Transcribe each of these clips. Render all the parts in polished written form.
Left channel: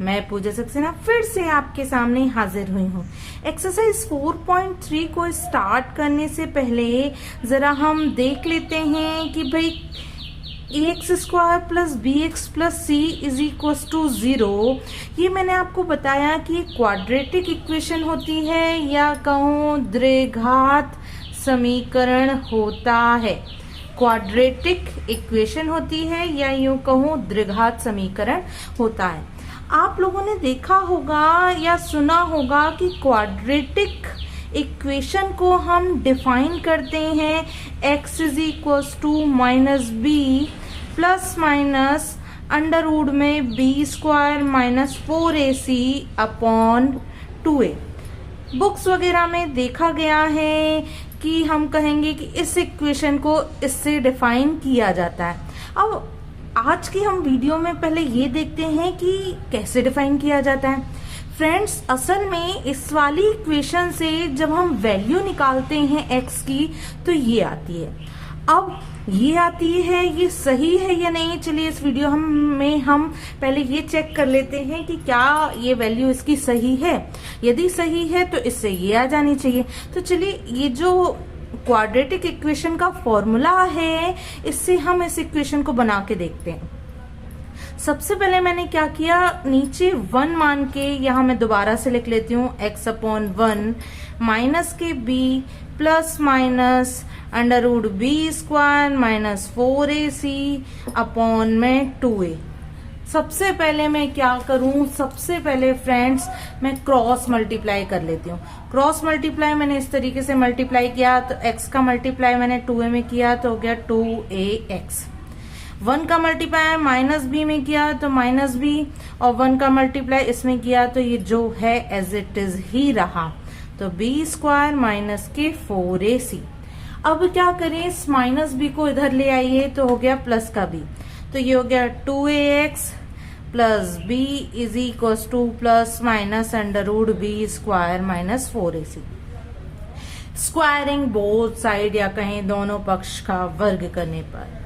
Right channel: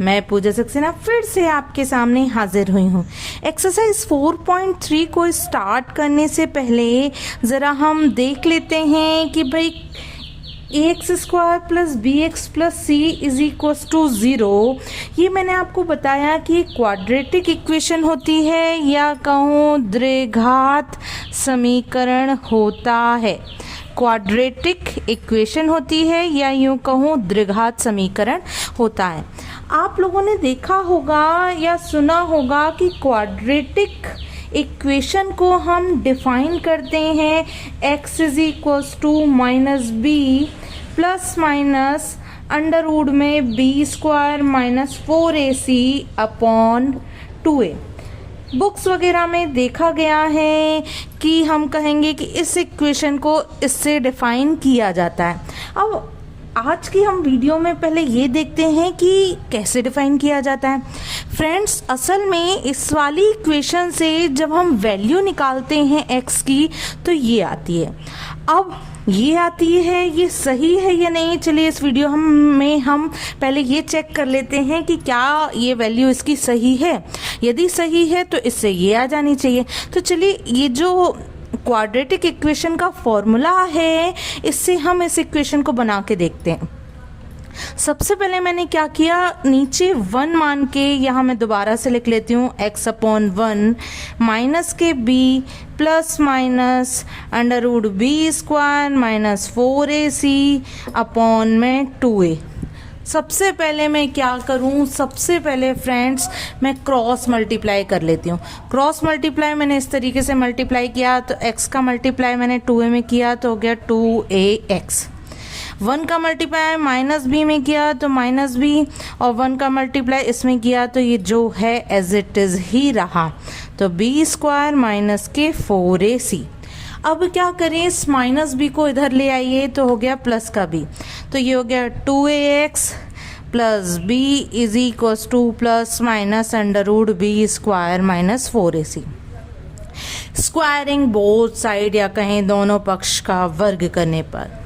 मैं पूजा सक्सेना फिर से आपके सामने हाजिर हुई हूँ। एक्सरसाइज 4.3 को स्टार्ट करने से पहले ज़रा हम देख लेते हैं कि भाई ax² plus bx plus c is equal to 0। ये मैंने आपको बताया कि क्वाड्रेटिक इक्वेशन होती है या कहूँ द्विघात समीकरण होता है। क्वाड्रेटिक इक्वेशन होती है या यूँ कहूँ द्विघात समीकरण होता है। आप लोगों ने देखा होगा या सुना होगा कि क्वाड्रेटिक इक्वेशन को हम डिफाइन करते हैं x is equal to minus b plus minus under root में b² minus 4ac upon 2a। Books वगैरह में देखा गया है कि हम कहेंगे कि इस इक्वेशन को इससे डिफाइन किया जाता है। अब आज की हम वीडियो में पहले ये देखते हैं कि कैसे डिफाइन किया जाता है। फ्रेंड्स, असल में इस वाली इक्वेशन से जब हम वैल्यू निकालते हैं x की तो ये आती है। अब ये आती है, ये सही है या नहीं, चलिए इस वीडियो में हम पहले ये चेक कर लेते हैं कि क्या ये वैल्यू इसकी सही है। यदि सही है तो इससे ये आ जानी चाहिए। तो चलिए ये जो क्वाड्रेटिक इक्वेशन का फॉर्मूला है इससे हम इस इक्वेशन को बना के देखते हैं। सबसे पहले मैंने क्या किया, नीचे 1 मान के यहाँ मैं दोबारा से लिख लेती हूँ x अपॉन 1 माइनस के b plus minus under root b² minus 4ac upon में 2a। सबसे पहले मैं क्या करूं, सबसे पहले फ्रेंड्स मैं क्रॉस मल्टीप्लाई कर लेती हूँ। क्रॉस मल्टीप्लाई मैंने इस तरीके से मल्टीप्लाई किया तो x का मल्टीप्लाई मैंने 2a में किया तो हो गया 2ax। 1 का मल्टीप्लाई माइनस b में किया तो माइनस b और 1 का मल्टीप्लाई इसमें किया तो ये जो है एज इट इज ही रहा तो b² माइनस के 4ac। अब क्या करें, इस माइनस b को इधर ले आइए तो हो गया प्लस का b, तो ये हो गया 2ax plus b is equal to plus minus under root b² minus 4ac। Squaring both side या कहें दोनों पक्ष का वर्ग करने पर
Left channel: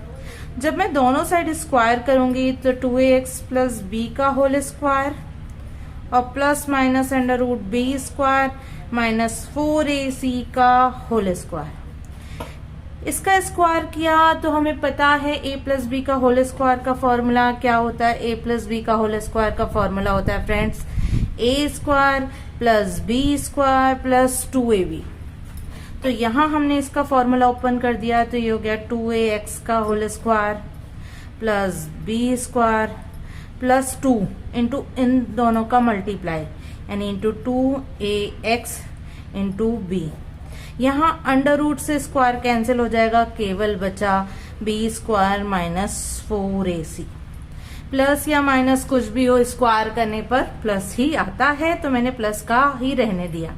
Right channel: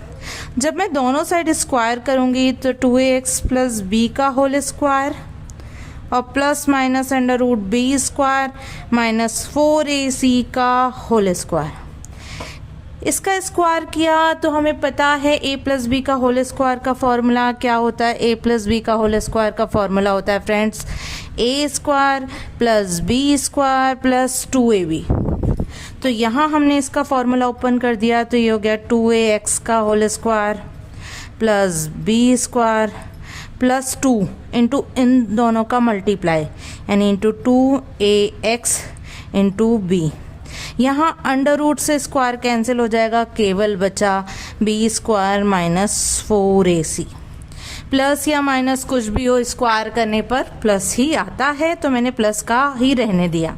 जब मैं दोनों साइड स्क्वायर करूंगी तो 2ax प्लस b का होल स्क्वायर और plus minus under root b² minus 4ac का होल स्क्वायर। इसका स्क्वायर किया तो हमें पता है a प्लस बी का होल स्क्वायर का फॉर्मूला क्या होता है। a प्लस बी का होल स्क्वायर का फॉर्मूला होता है friends a² plus b² plus 2ab। तो यहाँ हमने इसका फॉर्मूला ओपन कर दिया तो ये हो गया 2ax का whole square plus b² plus 2 into इन दोनों का मल्टीप्लाई यानी इंटू 2ax इंटू b। यहाँ अंडर रूट से स्क्वायर कैंसिल हो जाएगा, केवल बचा b² माइनस 4ac। प्लस या माइनस कुछ भी हो, स्क्वायर करने पर प्लस ही आता है तो मैंने प्लस का ही रहने दिया।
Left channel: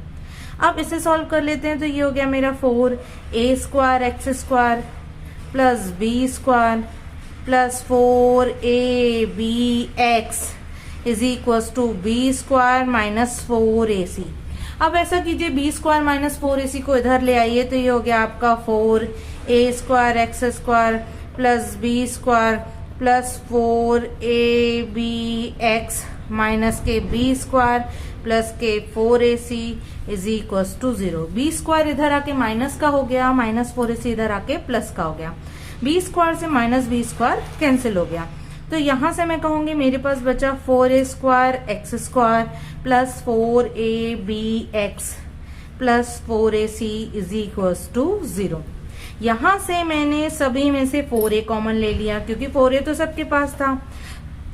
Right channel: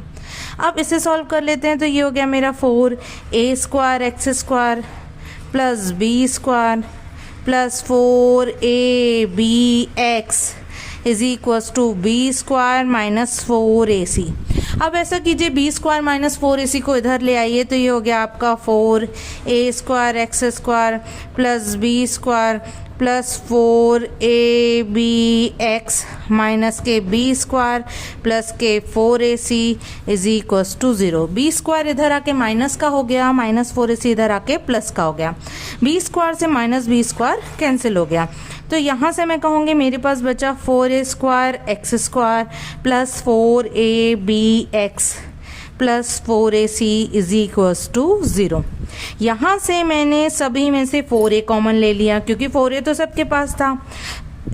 अब इसे सॉल्व कर लेते हैं तो ये हो गया मेरा 4a² x² plus b² plus 4abx is equal to b² minus 4ac। अब ऐसा कीजिए b² माइनस 4ac को इधर ले आइए तो ये हो गया आपका 4a² x² plus b² plus 4abx minus के b² प्लस के 4ac is equal to 0। b² इधर आके माइनस का हो गया, माइनस 4ac इधर आके प्लस का हो गया, b² से माइनस b² कैंसिल हो गया। तो यहाँ से मैं कहूँगी मेरे पास बचा 4a² x² plus 4abx plus 4ac is equal to 0। यहाँ से मैंने सभी में से 4a कॉमन ले लिया क्योंकि 4a तो सबके पास था।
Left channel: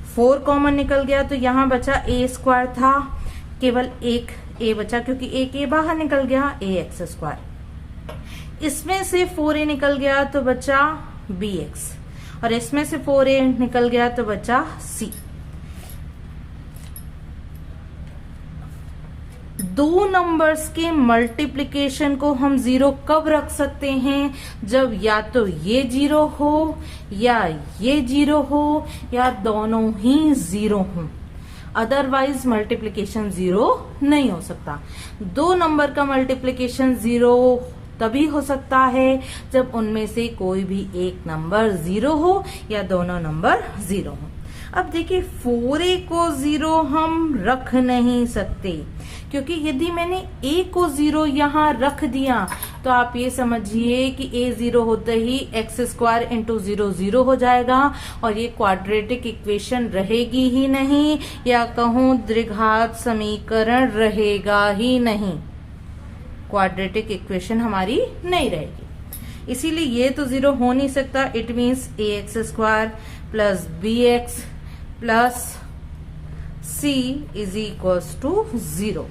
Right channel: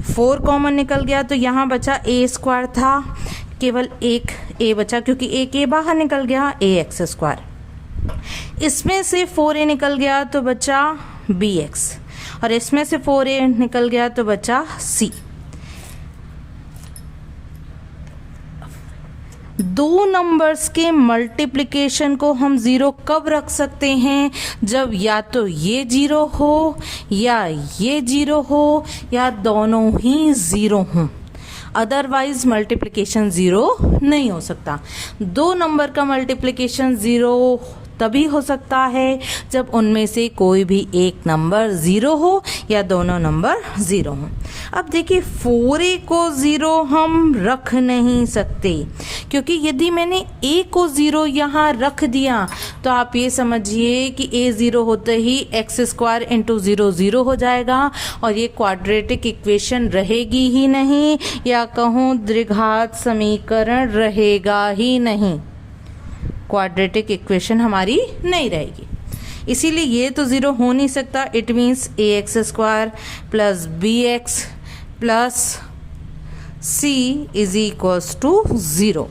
4 कॉमन निकल गया तो यहाँ बचा a² था, केवल एक a बचा क्योंकि एक a बाहर निकल गया ax²। इसमें से 4a निकल गया तो बचा bx और इसमें से 4a निकल गया तो बचा c। दो नंबर्स के मल्टीप्लिकेशन को हम 0 कब रख सकते हैं, जब या तो ये 0 हो या ये 0 हो या दोनों ही 0 हों, अदरवाइज मल्टीप्लिकेशन 0 नहीं हो सकता। दो नंबर का मल्टीप्लिकेशन 0 तभी हो सकता है जब उनमें से कोई भी एक नंबर 0 हो या दोनों नंबर 0 हो। अब देखिए 4a को 0 हम रख नहीं सकते, क्योंकि यदि मैंने a को 0 यहाँ रख दिया तो आप ये समझिए कि a 0 होते ही x² इंटू 0 0 हो जाएगा और ये क्वाड्रेटिक इक्वेशन रहेगी ही नहीं, या कहूँ द्विघात समीकरण रहेगा ही नहीं, क्वाड्रेटिक इक्वेशन हमारी नहीं रहेगी। इसीलिए ये तो 0 हो नहीं सकता। It means ax² plus bx plus c is equals to 0।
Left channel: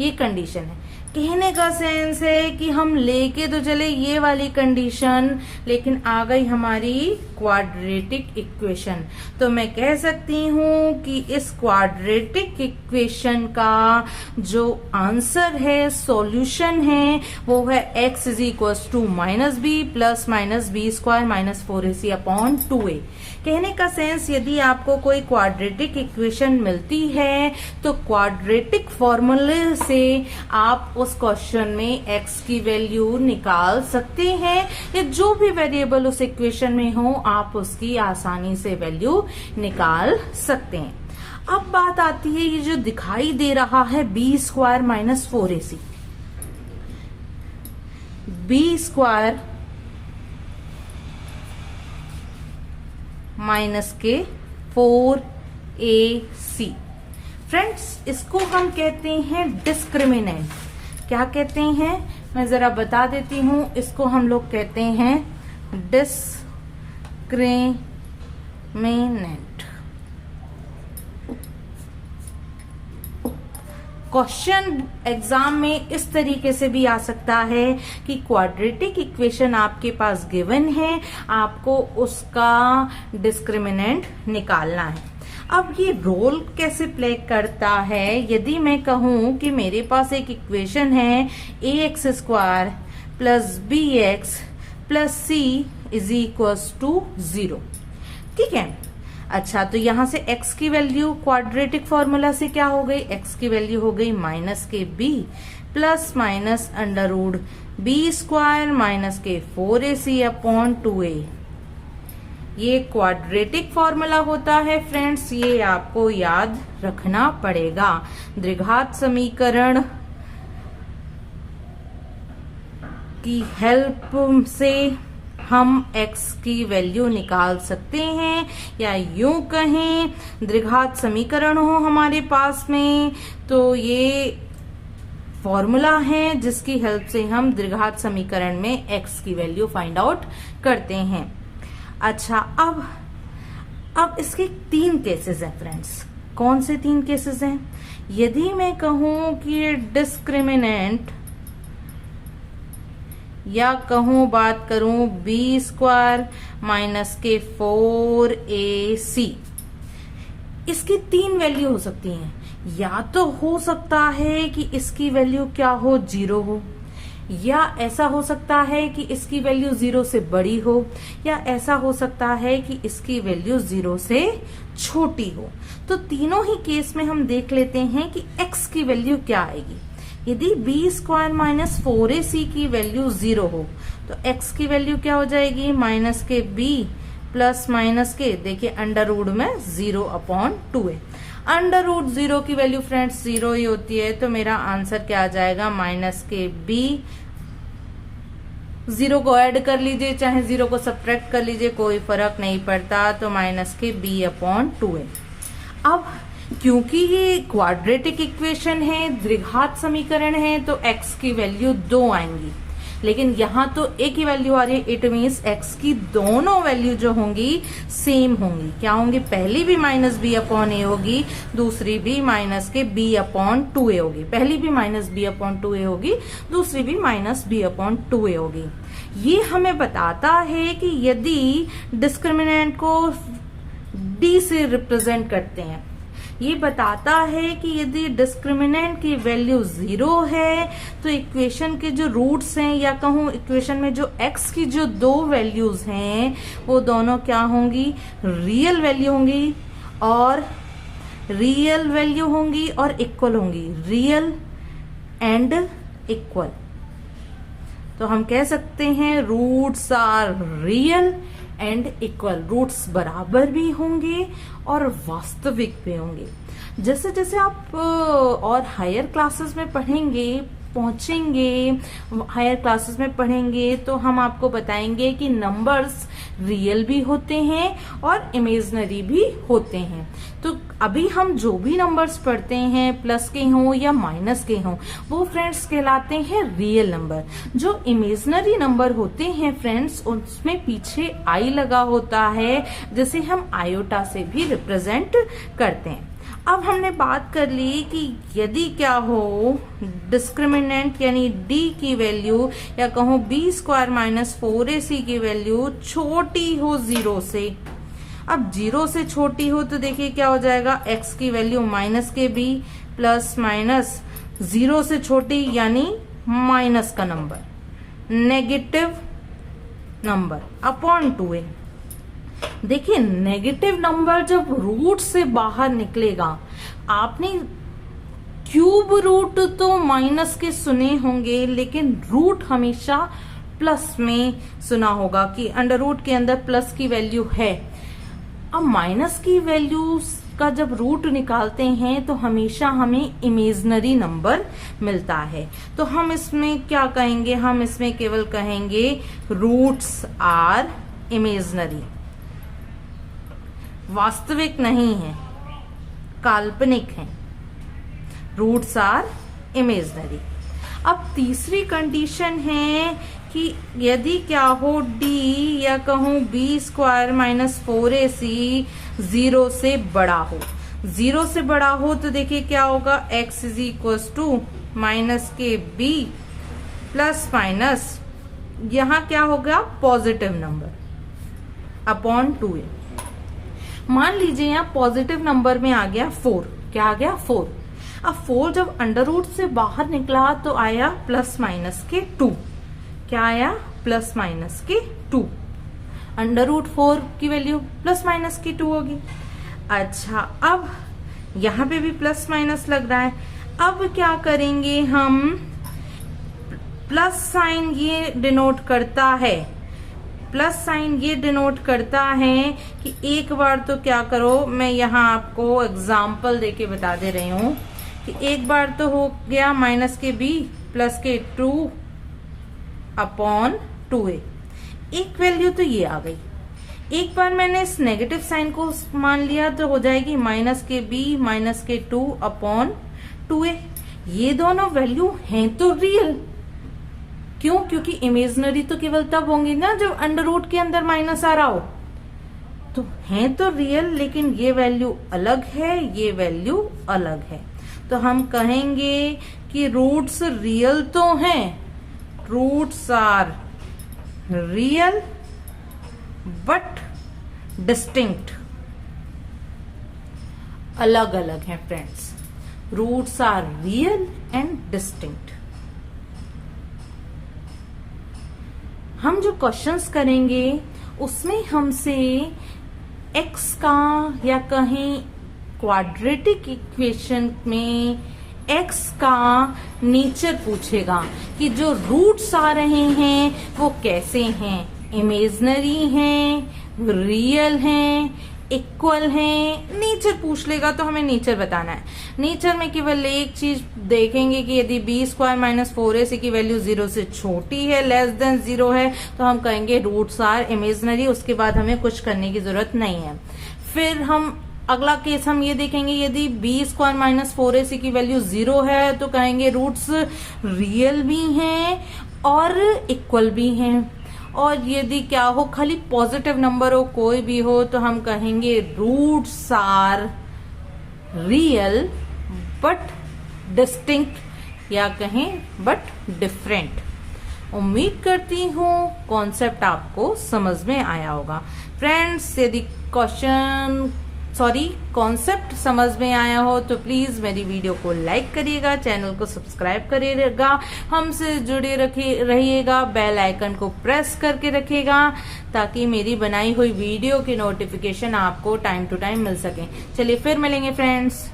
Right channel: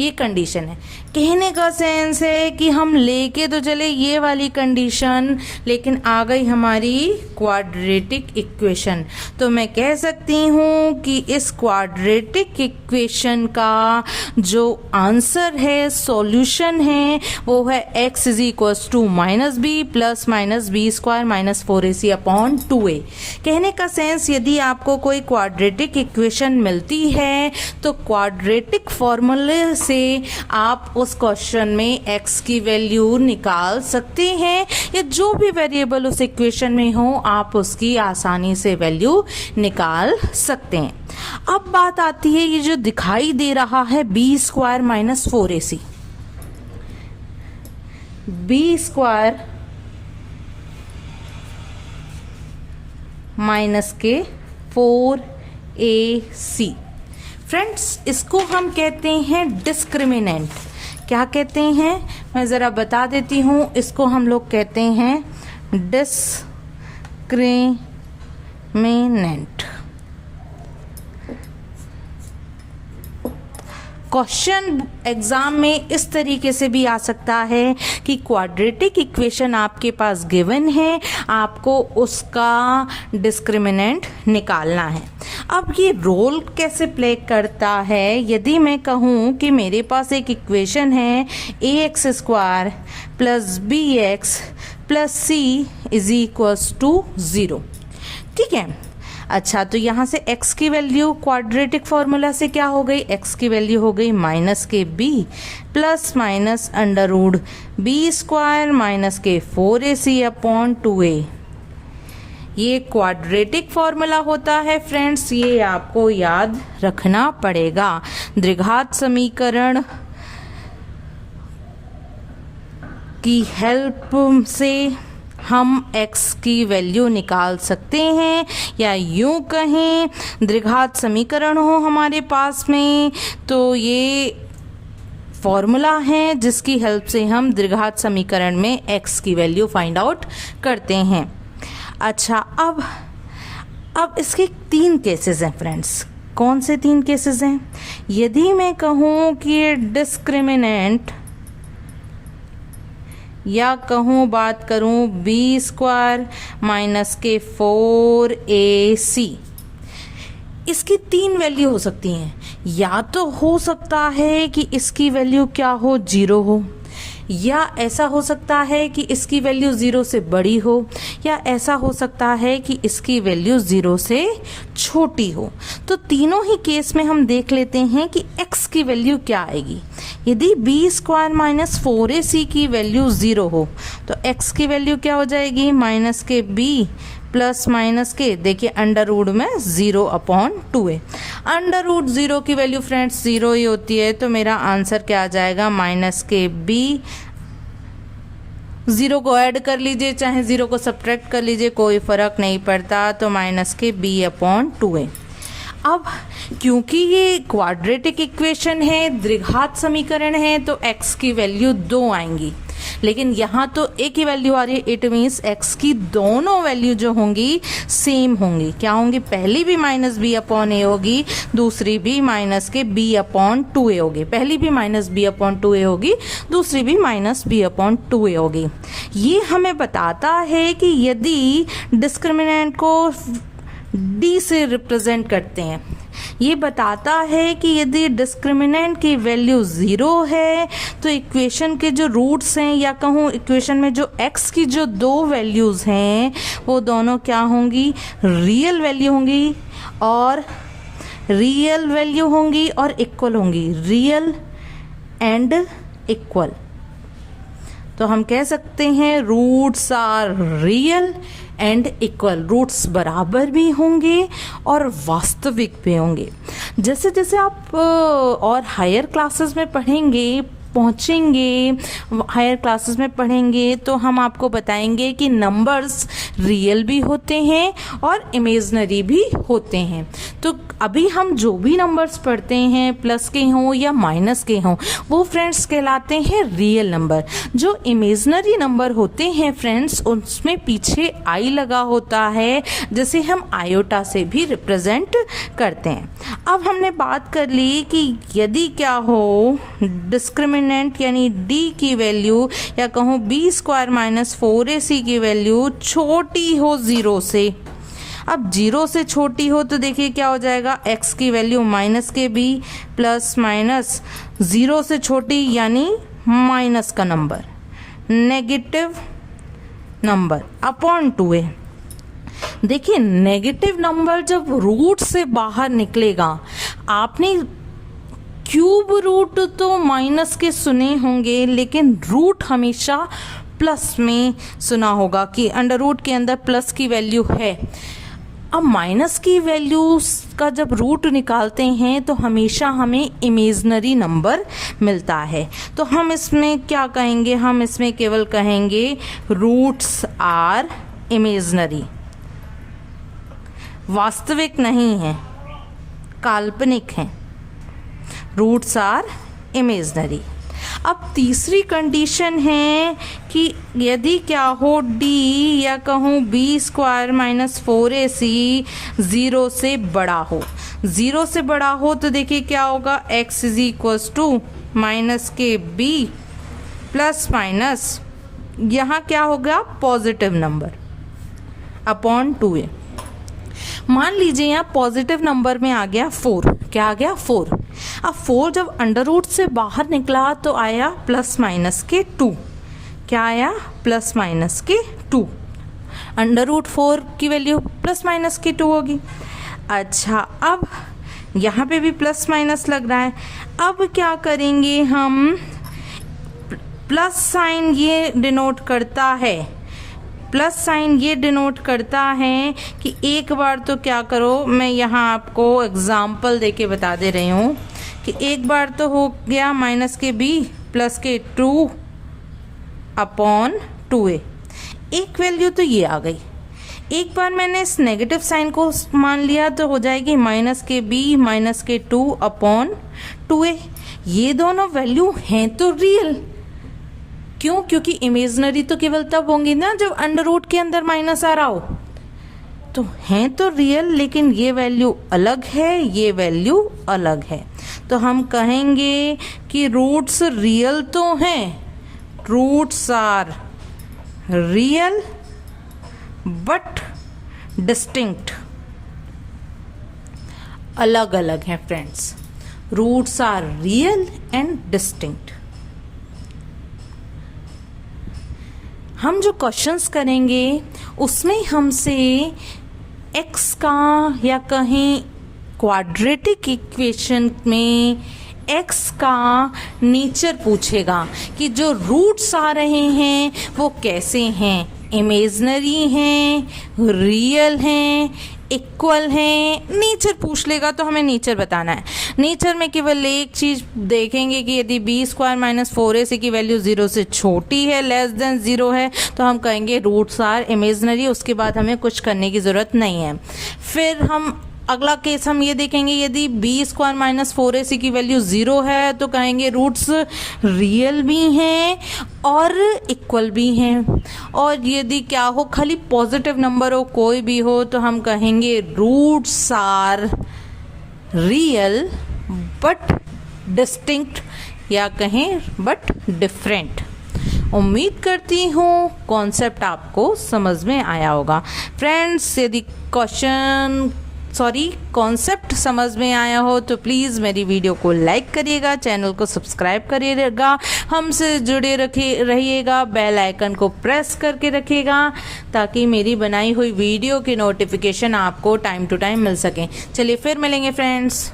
ये कंडीशन है। कहने का सेंस है कि हम लेके तो चले ये वाली कंडीशन, लेकिन आ गई हमारी क्वाड्रेटिक इक्वेशन। तो मैं कह सकती हूँ कि इस क्वाड्रेटिक इक्वेशन का जो आंसर है, सॉल्यूशन है, वो है x is equals to -b plus -b² minus 4ac upon 2a। कहने का सेंस, यदि आपको कोई क्वाड्रेटिक इक्वेशन मिलती है तो क्वाड्रेटिक फॉर्मूले से आप उस क्वेश्चन में x की वैल्यू निकाल सकते हैं, या जो भी वेरिएबल उस इक्वेशन में हो आप उसकी आसानी से वैल्यू निकाल सकते हैं। अब बात आती है ये जो दिखाई दे रहा है b² minus 4ac, b² minus के 4ac। फ्रेंड्स, इसको हम कहते हैं डिस्क्रिमिनेंट। क्या कहते हैं मैं ज़रा बता देती हूँ। इसको हम लोग कहते हैं डिस्क्रिमिनेंट। क्वेश्चन एग्जाम में इस तरीके से भी आ सकता है कि क्वाड्रेटिक इक्वेशन आपके पास गिवन है, आपको उसका डिस्क्रिमिनेंट निकालना है। अब ये रोल कैसे प्ले करता है, यदि मैं कहूँ कि मेरे पास एक इक्वेशन है ax² plus bx plus c is equals to 0, ठीक है। अच्छा, तो यहाँ से x की वैल्यू क्वाड्रेटिक फॉर्मूला से क्या हो गई, x की वैल्यू हो गई माइनस के b plus minus √b² minus के 4ac अपॉन 2a। ये क्वाड्रेटिक फॉर्मूला होता है फ्रेंड्स, ये आपको याद रखना पड़ेगा। द्विघात समीकरण की हेल्प से हम x की वैल्यू निकाल सकते हैं, या यूं कहें द्विघात समीकरण हो हमारे पास में तो ये फॉर्मूला है जिसकी हेल्प से हम द्विघात समीकरण में x की वैल्यू फाइंड आउट करते हैं। अच्छा, अब इसके 3 केसेस हैं फ्रेंड्स। कौन से 3 केसेस हैं? यदि मैं कहूँ कि डिस्क्रिमिनेंट, या कहूँ बात करूँ b² माइनस के 4ac, इसकी 3 वैल्यू हो सकती हैं। या तो हो सकता है कि इसकी वैल्यू क्या हो, 0 हो, या ऐसा हो सकता है कि इसकी वैल्यू 0 से बड़ी हो, या ऐसा हो सकता है कि इसकी वैल्यू 0 से छोटी हो। तो तीनों ही केस में हम देख लेते हैं कि x की वैल्यू क्या आएगी। यदि b² माइनस 4ac की वैल्यू 0 हो तो x की वैल्यू क्या हो जाएगी, माइनस के b प्लस माइनस के, देखिए अंडर रूट में 0 अपॉन 2a। अंडर रूट 0 की वैल्यू फ्रेंड्स 0 ही होती है, तो मेरा आंसर क्या आ जाएगा, माइनस के b। 0 को ऐड कर लीजिए चाहे 0 को सब्ट्रैक्ट कर लीजिए, कोई फर्क नहीं पड़ता, तो माइनस के b अपॉन 2a। अब क्योंकि ये क्वाड्रेटिक इक्वेशन है, द्विघात समीकरण है, तो x की वैल्यू 2 आएंगी, लेकिन यहाँ तो एक ही वैल्यू आ रही है। इट मीन्स x की दोनों वैल्यू जो होंगी सेम होंगी। क्या होंगी, पहली भी माइनस b अपॉन a होगी, दूसरी भी माइनस के b अपॉन 2a होगी। पहली भी माइनस b अपॉन 2a होगी, दूसरी भी माइनस b अपॉन 2a होगी। ये हमें बताता है कि यदि डिस्क्रिमिनेंट को d से रिप्रेजेंट करते हैं, ये बताता है कि यदि डिस्क्रिमिनेंट की वैल्यू 0 है तो इक्वेशन के जो रूट्स हैं, या कहूँ इक्वेशन में जो x की जो 2 वैल्यूज हैं वो दोनों क्या होंगी, रियल वैल्यू होंगी, और रियल वैल्यू होंगी और इक्वल होंगी, रियल एंड इक्वल। तो हम कह सकते हैं roots are real and equal, roots बराबर भी होंगे और वास्तविक भी होंगे। जैसे जैसे आप और हायर क्लासेस में पहुंचेंगे, हायर क्लासेस में पढ़ेंगे तो हम आपको बताएंगे कि नंबर्स रियल भी होते हैं और इमेजनरी भी होते हैं। तो अभी हम जो भी नंबर्स पढ़ते हैं, प्लस के हों या माइनस के हों, वो फ्रेंड्स कहलाते हैं रियल नंबर। जो इमेजनरी नंबर होते हैं फ्रेंड्स, उसमें पीछे आई लगा होता है, जिसे हम आयोटा से भी रिप्रेजेंट करते हैं। अब हमने बात कर ली कि यदि क्या हो डिस्क्रिमिनेंट यानी d की वैल्यू या कहूँ b² - 4ac की वैल्यू छोटी हो 0 से। अब 0 से छोटी हो तो देखिए क्या हो जाएगा, x की वैल्यू माइनस के b प्लस माइनस 0 से छोटी यानी माइनस का number, negative number upon 2a। देखिए नेगेटिव नंबर जब रूट से बाहर निकलेगा, आपने क्यूब रूट तो माइनस के सुने होंगे, लेकिन रूट हमेशा प्लस में सुना होगा कि अंडर रूट के अंदर प्लस की वैल्यू है। अब माइनस की वैल्यू का जब रूट निकालते हैं तो हमेशा हमें इमेजनरी नंबर मिलता है। तो हम इसमें क्या कहेंगे, हम इसमें केवल कहेंगे रूट्स आर इमेजनरी, वास्तविक नहीं है, काल्पनिक है, रूट्स आर इमेजनरी। अब तीसरी कंडीशन है कि यदि क्या हो d या कहूँ b² - 4ac 0 से बड़ा हो, 0 से बड़ा हो तो देखिए क्या होगा, x = माइनस के b प्लस माइनस यहाँ क्या होगा पॉजिटिव नंबर अपॉन 2a। मान लीजिए यहाँ पॉजिटिव नंबर में आ गया 4, क्या आ गया 4। अब 4 जब अंडर रूट से बाहर निकला तो आया प्लस माइनस के 2, क्या आया प्लस माइनस के 2। अंडर रूट 4 की वैल्यू प्लस माइनस के 2 होगी। अच्छा अब यहाँ पे भी प्लस माइनस लग रहा है। अब क्या करेंगे हम, प्लस साइन ये डिनोट करता है, प्लस साइन ये डिनोट करता है कि एक बार तो क्या करो, मैं यहाँ आपको एग्जाम्पल देके बता दे रही हूँ कि एक बार तो हो गया माइनस के b प्लस के 2 अपॉन 2a, एक वैल्यू तो ये आ गई। एक बार मैंने इस नेगेटिव साइन को मान लिया तो हो जाएगी माइनस के b माइनस के 2 अपॉन 2a। ये दोनों वैल्यू हैं तो रियल, क्यों? क्योंकि इमेजनरी तो केवल तब होंगी ना जब अंडर रूट के अंदर माइनस आ रहा हो। तो हैं तो रियल, लेकिन ये वैल्यू अलग है, ये वैल्यू अलग है। तो हम कहेंगे कि रूट्स रियल तो हैं, roots are real but distinct, अलग अलग हैं friends. Roots are real and distinct. हम जो क्वेश्चंस करेंगे उसमें हमसे x का या कहीं क्वाड्रेटिक इक्वेशन में x का नेचर पूछेगा कि जो रूट्स आ रहे हैं वो कैसे हैं, इमेजनरी हैं, रियल हैं, इक्वल है, नेचर पूछ लेगा तो हमें नेचर बताना है। नेचर में केवल एक चीज देखेंगे कि यदि b² - 4ac की वैल्यू 0 से छोटी है, लेस देन 0 है, तो हम कहेंगे रूट्स आर इमेजनरी। उसके बाद हमें कुछ करने की जरूरत नहीं है। फिर हम अगला केस हम ये देखेंगे, यदि b² - 4ac की वैल्यू 0 है तो कहेंगे रूट्स रियल भी हैं और इक्वल भी हैं। और यदि क्या हो, खाली पॉजिटिव नंबर हो, कोई भी हो, तो हम कहेंगे roots are real but distinct, या कहें बट डिफरेंट। उम्मीद करती हूँ कॉन्सेप्ट आपको समझ में आया होगा फ्रेंड्स। यदि कॉन्सेप्ट समझ में आया हो तो प्लीज़ मेरी वीडियो को लाइक करिएगा, चैनल को सब्सक्राइब करिएगा, हमसे जुड़े रहिएगा, बेल आइकन को प्रेस करके रखिएगा ताकि मेरी बनाई हुई वीडियो की नोटिफिकेशन आपको टाइम टू टाइम मिल सके। चलिए फिर मिलेंगे फ्रेंड्स।